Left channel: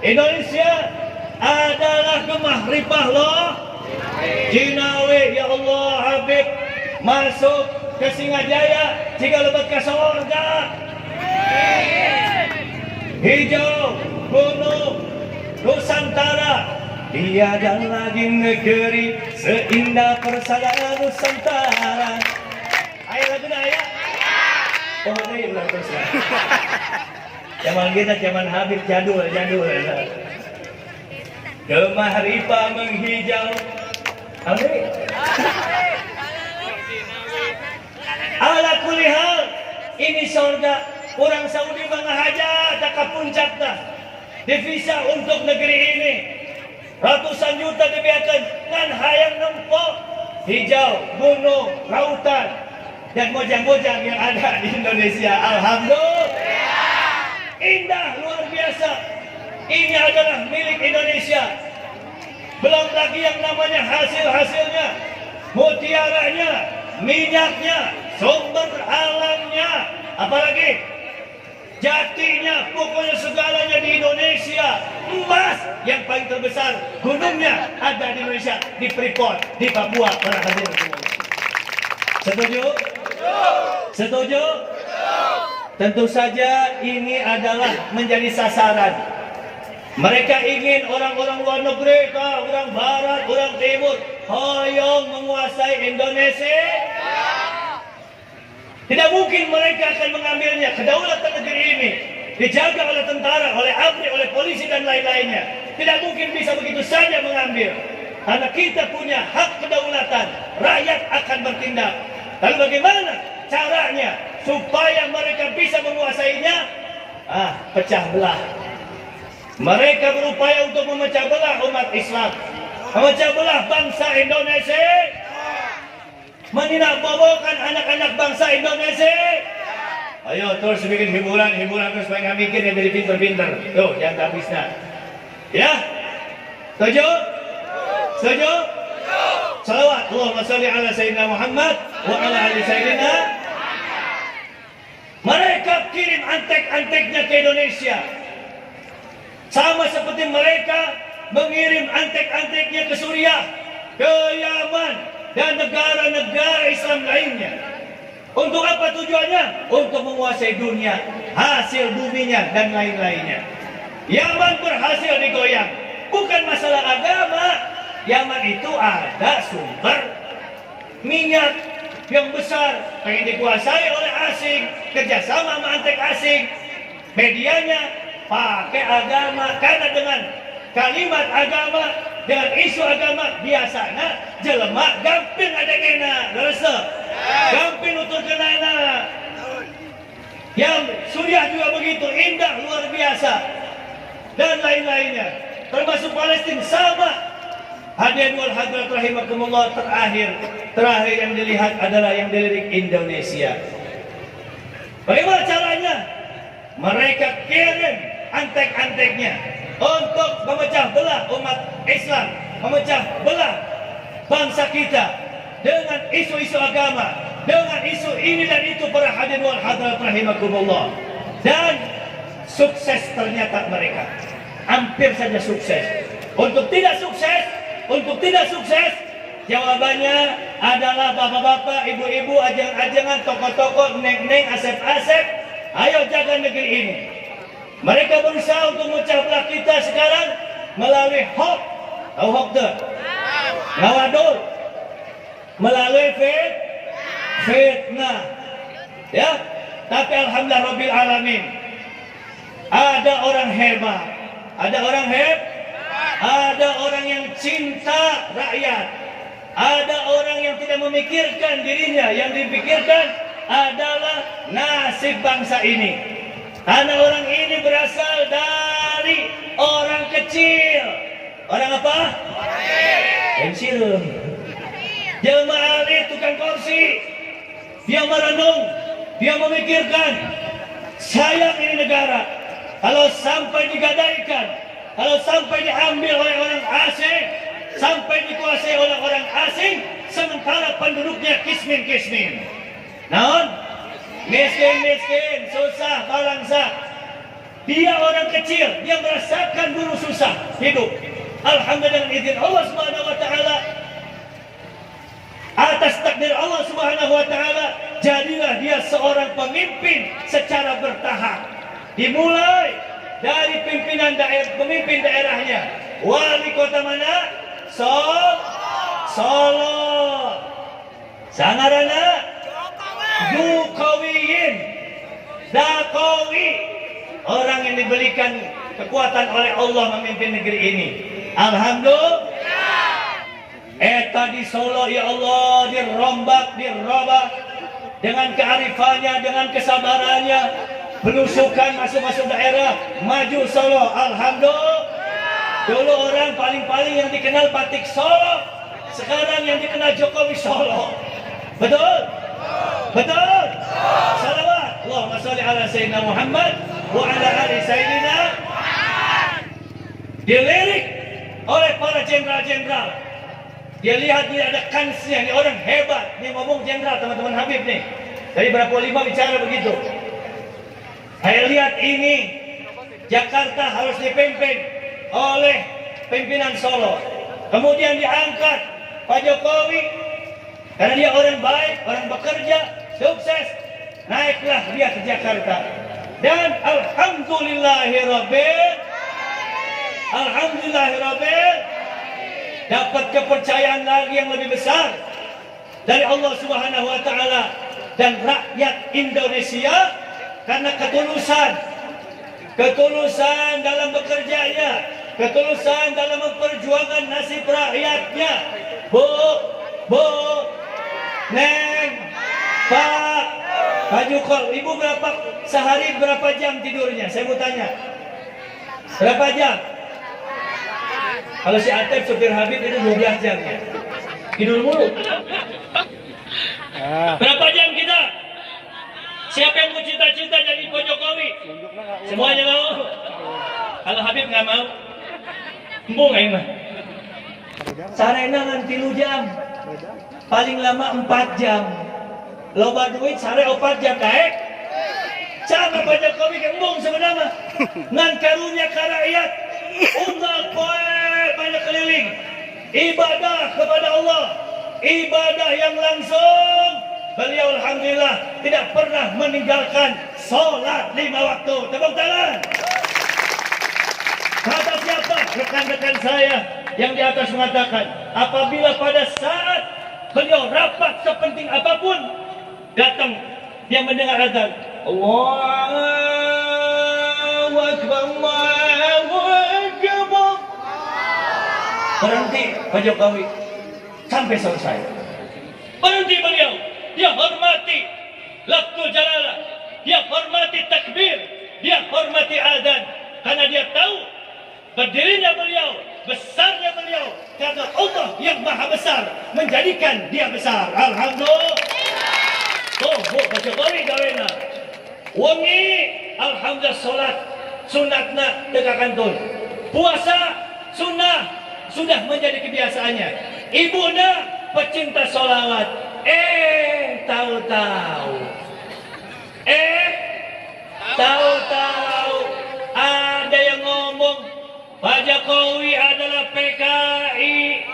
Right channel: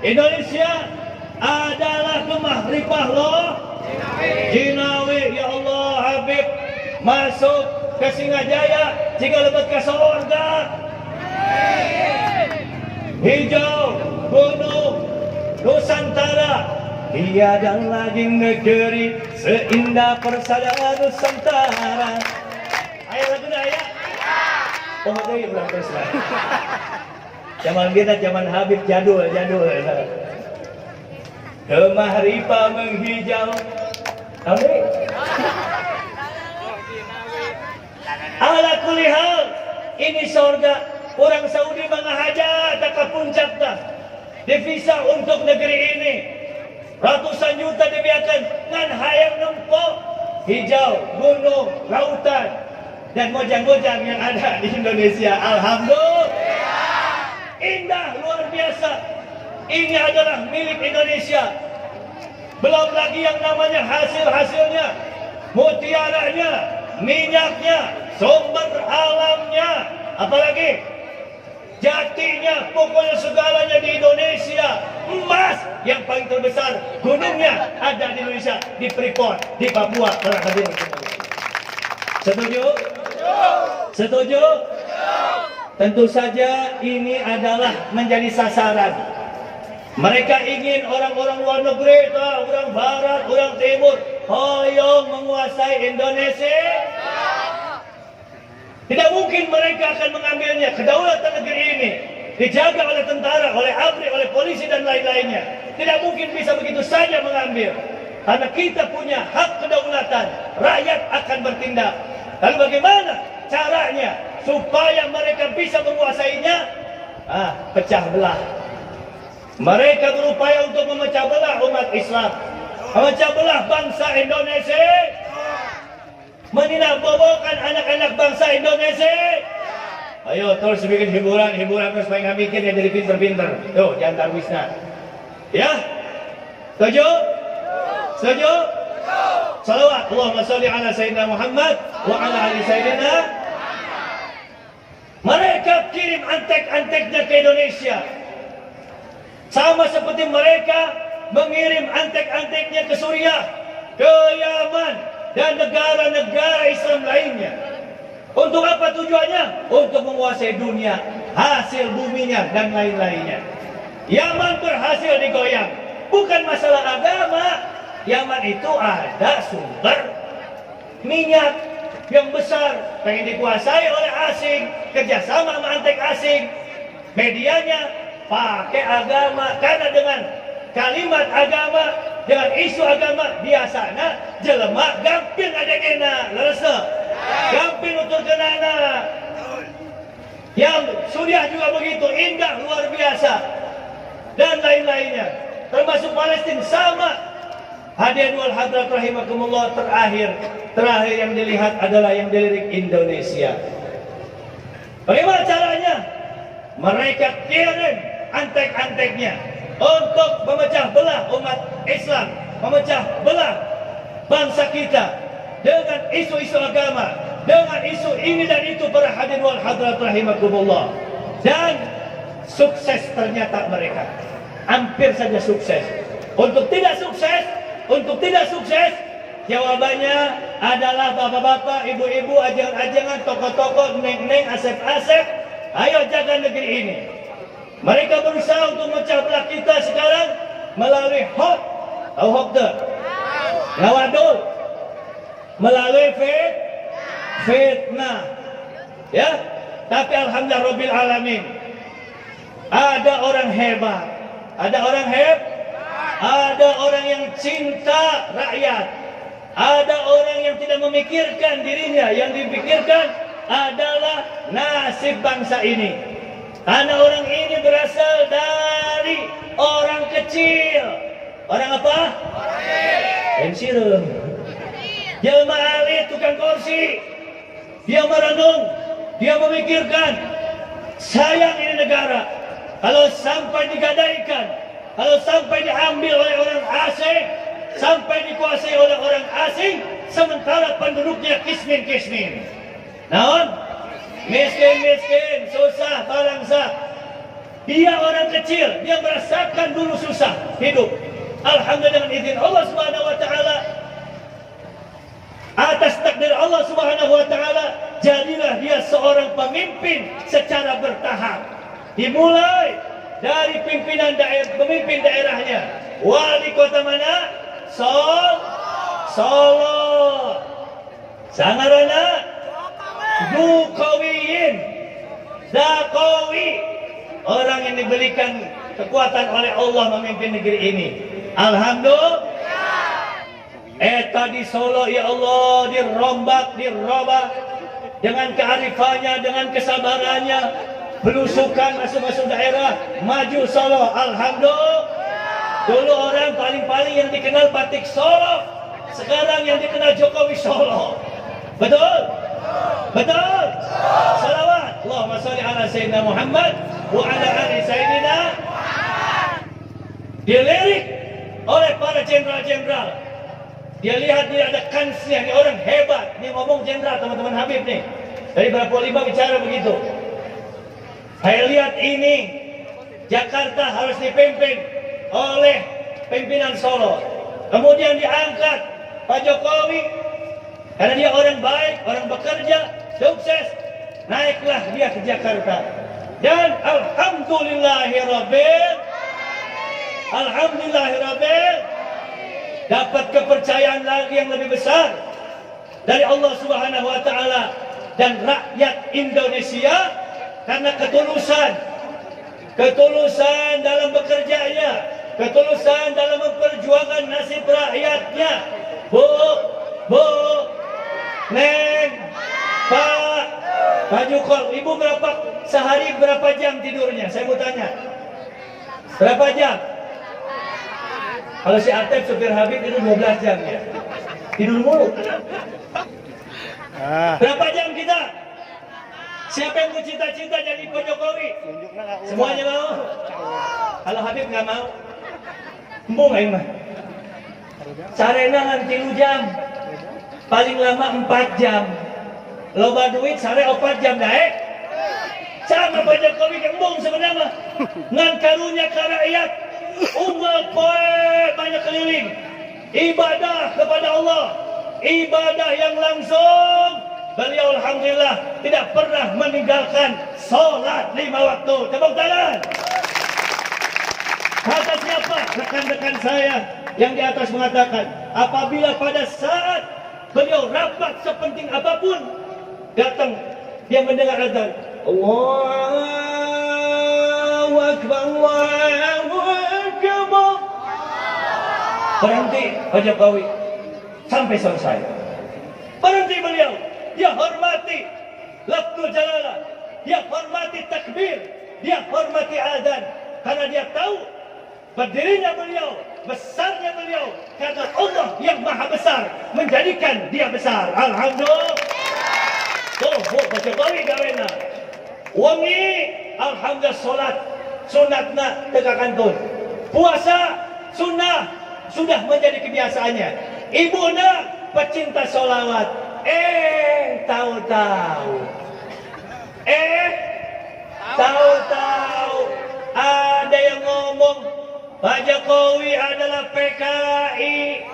Indonesia adalah Kemah Ripah loh. Jinawi, ya Allah Habib masuk ke Singajaya jika lebat ke surga. Hijau gunung Nusantara, tiada lagi negeri seindah persada Nusantara. Ayo lagunya ayah. Oh itu ulang terus lah. Zaman kita zaman Habib jadul. Kemah Ripah menghijau. Tahu ni? Ala kulli hal, ini surga. Orang Saudi mengahaja tak ke puncak dah. Devisa untuk negeri ini. Ratusan juta dibiarkan dengan hayang nempok. Hijau, gunung, lautan dan gojang-gojang yang ada di Indonesia. Alhamdulillah. Indah luar biasa. Ini adalah milik Indonesia. Belum lagi yang namanya hasil-hasilnya, mutiaranya, minyaknya, sumber alamnya, apalagi jatinya, pokoknya segalanya di Indonesia. Emas yang paling terbesar, gunungnya ada di Indonesia, di Freeport, di Papua. Para hadirin semua. Setuju? Setuju? Tentu saja ini adalah menjadi sasaran. Mereka ingin orang-orang luar negeri, orang barat, orang timur, hoyong menguasai Indonesia. Tidak mungkin mereka akan mengambilnya. Kedaulatan negeri ini dijaga oleh tentara, oleh ABRI, oleh polisi dan lain-lainnya. Tidak mungkin bisa begitu saja mengambil. Karena kita punya hak kedaulatan, rakyat akan bertindak. Lalu bagaimana caranya supaya mereka bisa menguasainya? Pecah belah. Mereka berupaya untuk memecah belah umat Islam, memecah belah bangsa Indonesia, meninabobokan anak-anak bangsa Indonesia. Ayo terus bikin hiburan terus supaya nggak mikir yang jadi pinter-pinter. Tuh jangan tarbisna. Ya, setuju? Setuju? Salawat Allahumma salli ala Sayyidina Muhammad wa ala ali Sayyidina. Mereka kirim antek-anteknya ke Indonesia. Sama seperti mereka mengirim antek-anteknya ke Suriah, ke Yaman, dan negara-negara Islam lainnya. Untuk apa tujuannya? Untuk menguasai dunia, hasil buminya, dan lain-lainnya. Yaman berhasil digoyang. Bukan masalah agama. Yaman itu ada sumber minyak yang besar, pengen dikuasai oleh asing, kerjasama sama antek asing. Medianya pakai agama, karena dengan kalimat agama, dengan isu agama biasanya jelema gampil adegena, rasa gampil utur kenana. Yang Suriah juga begitu, indah luar biasa dan lain-lainnya, termasuk Palestina sama. Hadirin wal hadirat rahimakumullah, terakhir yang dilihat adalah yang dilirik Indonesia. Bagaimana caranya? Mereka kirim antek-anteknya untuk memecah belah umat Islam, memecah belah bangsa kita dengan isu-isu agama, dengan isu ini dan itu. Para hadirin wal hadirat rahimakumullah, dan sukses ternyata mereka, hampir saja sukses. Untuk tidak sukses, jawabannya adalah bapak-bapak, ibu-ibu, ajang-ajangan, tokoh-tokoh, neng-neng, asep-asep, ayo jaga negeri ini. Mereka berusaha untuk memecah belah kita sekarang melalui hoax, tahu hoax tuh? Ngawadul, melalui fitnah, ya. Tapi alhamdulillah Rabbil Alamin, ada orang hebat, ada orang yang cinta rakyat, ada orang yang tidak memikirkan dirinya, yang dipikirkan adalah nasib bangsa ini. Karena orang ini berasal dari orang kecil. Orang apa? Pensiun. Jelma alit, tukang kursi. Dia merenung, dia memikirkan, sayang ini negara. Kalau sampai digadaikan, kalau sampai diambil oleh orang asing, sampai dikuasai oleh orang asing, sementara penduduknya kismin. Naon? Miskin, susah, bangsa. Dia orang kecil, dia merasakan dulu susah hidup. Alhamdulillah dengan izin Allah Subhanahu wa taala, atas takdir Allah Subhanahu wa taala, jadilah dia seorang pemimpin secara bertahap. Dimulai dari pemimpin daerahnya. Wali kota mana? Solo. Sangarana Dakowi, orang yang diberikan kekuatan oleh Allah memimpin negeri ini. Alhamdulillah. Di Solo ya Allah dirobak dengan kearifannya, dengan kesabarannya, belusukan masuk daerah, maju Solo. Alhamdulillah. Dulu orang paling yang dikenal Batik Solo, sekarang yang dikenal Jokowi Solo. Betul? Betul? Salawat Allahumma sholli ala Sayyidina Muhammad wa ala ali Sayyidina. Dilirik oleh para jenderal-jenderal. Dia lihat dia ada kansnya, ini orang hebat. Ini ngomong jenderal, teman-teman Habib nih. Dari berapa lima bicara begitu. Saya lihat ini Jakarta harus dipimpin oleh pimpinan Solo. Kemudian diangkat Pak Jokowi, karena dia orang baik, orang bekerja, sukses. Naiklah dia ke Jakarta. Dan alhamdulillahirabbil dapat kepercayaan lagi yang lebih besar dari Allah Subhanahu wa taala dan rakyat Indonesia, karena ketulusan dalam bekerjanya, ketulusan dalam memperjuangkan nasib rakyatnya. Bu, Neng, Pak Jukol, ibu sehari berapa jam tidurnya? Saya mau tanya. Berapa jam? Kalau si Atep supir Habib itu 12 jam ya. Tidur mulu. Berapa jam kita? Siapa yang mau cita-cita jadi Pak Jokowi? Semuanya mau? Kalau Habib nggak mau, embung aing mah. Sarena ngan 3 jam. Paling lama 4 jam. Loba duit sare 4 jam daek. Cara Pak Jokowi ke embung sebenarnya ngan karunia ka rakyat. Umat banyak keliling. Ibadah kepada Allah. Ibadah yang langsung. Beliau alhamdulillah tidak pernah meninggalkan sholat 5 waktu. Tepuk tangan. Kata siapa? Rekan-rekan saya yang di atas mengatakan, apabila pada saat beliau rapat sepenting apapun, datang dia mendengar azan, Allahu Akbar, Allahu Akbar. Berhenti Pak Jokowi sampai selesai. Berhenti beliau. Dia hormati lafzul jalalah, dia hormati takbir, dia hormati azan, karena dia tahu berdirinya beliau, besarnya beliau, karena Allah yang maha besar menjadikan dia besar. Alhamdulillah. Pak Jokowi gawena wangi, alhamdulillah. Sholat sunatna tegakantun, puasa sunnah sudah menjadi kebiasaannya. Ibuna pecinta sholawat. Tahu ada yang ngomong Pak Jokowi adalah PKI,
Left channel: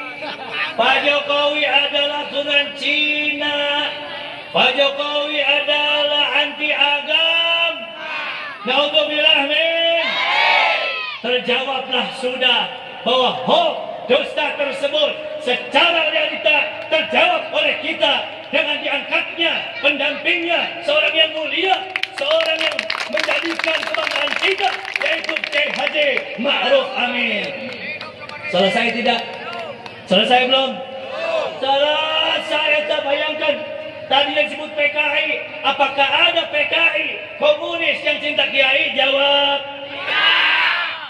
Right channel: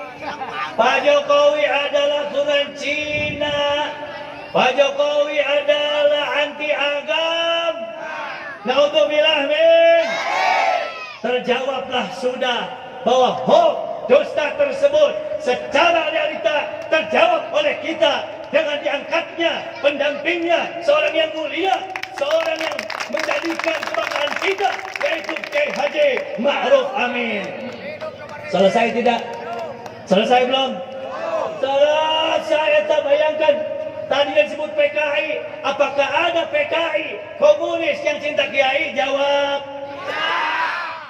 Pak Jokowi adalah turunan Cina, Pak Jokowi adalah anti agam. Naudzubillah min. Terjawablah sudah bahwa dusta tersebut secara realita terjawab oleh kita dengan diangkatnya pendampingnya seorang yang mulia, seorang yang menjadikan kebanggaan kita, yaitu KH Ma'ruf Amin. Selesai tidak? Selesai belum? Selesai. Tak bayangkan tadi yang disebut PKI, apakah ada PKI komunis yang cinta Kiai? Jawab.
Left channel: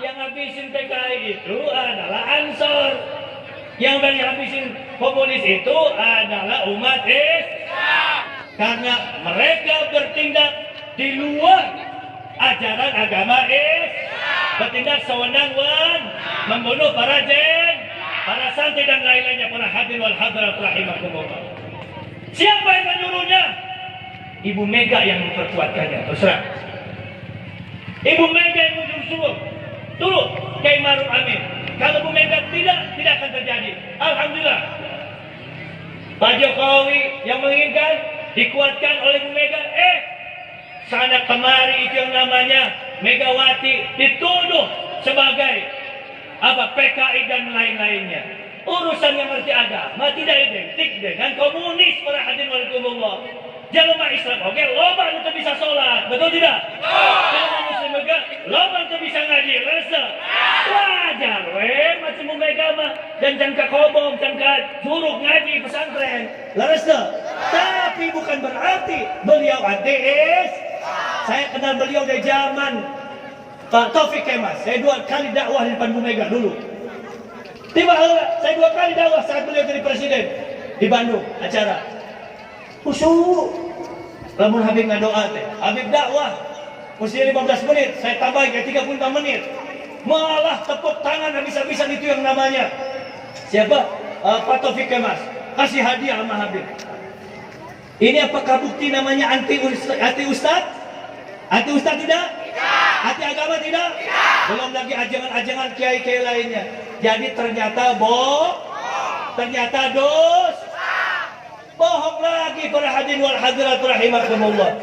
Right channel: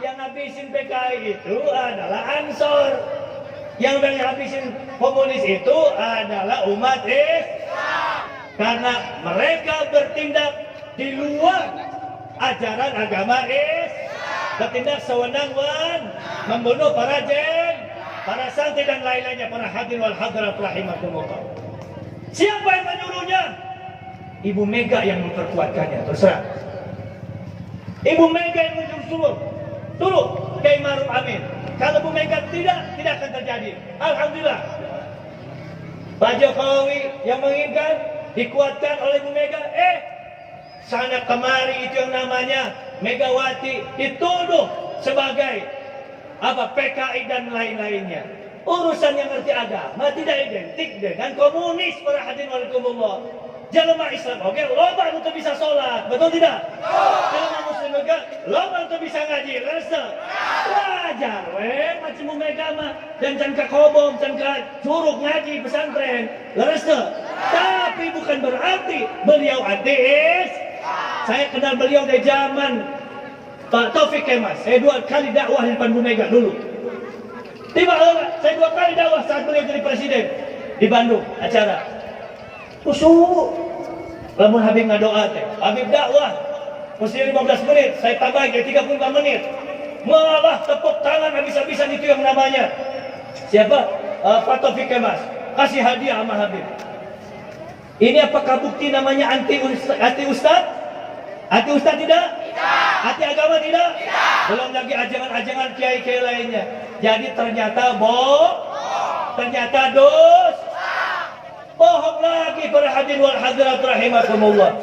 Yang habisin PKI itu adalah Ansor. Yang banyak habisin komunis itu adalah umat Islam. Karena mereka bertindak di luar ajaran agama Islam. Bertindak sewenang-wenang, membunuh para santri dan lain-lainnya, para hadirin wal hadirat rahimakumullah. Siapa yang menyuruhnya? Ibu Mega yang memperkuatkannya. Terserah. Ibu Mega yang mensuruh turun Kiai Maruf Amin. Kalau Bu Mega tidak akan terjadi. Alhamdulillah. Pak Jokowi yang menginginkan dikuatkan oleh Bu Mega. Sana kemari itu yang namanya Megawati dituduh sebagai PKI dan lain-lainnya. Urusan yang ngerti agama tidak identik dengan komunis para hadirin walikumullah. Jelema Islam oke, loba anu teu bisa sholat, betul tidak? Jelema Muslim juga loba anu teu bisa ngaji, rasa. Wajar macam Bu Mega mah dan can ka kobong, can ka curug ngaji pesantren, rasa. Tapi bukan berarti beliau ateis. Saya kenal beliau dari zaman Pak Taufik Kemas. Saya 2 kali dakwah di depan Bu Mega dulu. Saya 2 kali dakwah saat beliau jadi presiden di Bandung acara. Khusyuk. Lamun Habib ngadoa teh. Habib dakwah. Mesti 15 menit, saya tambahin ke 35 menit. Malah tepuk tangan habis-habisan itu yang namanya. Siapa? Pak Taufik Kemas. Kasih hadiah sama Habib. Ini apakah bukti namanya anti ustad? Anti ustad tidak? Anti agama tidak? Belum lagi ajangan-ajangan kiai-kiai lainnya. Jadi ternyata ternyata bohong lagi para hadirin wal hadirat rahimakumullah.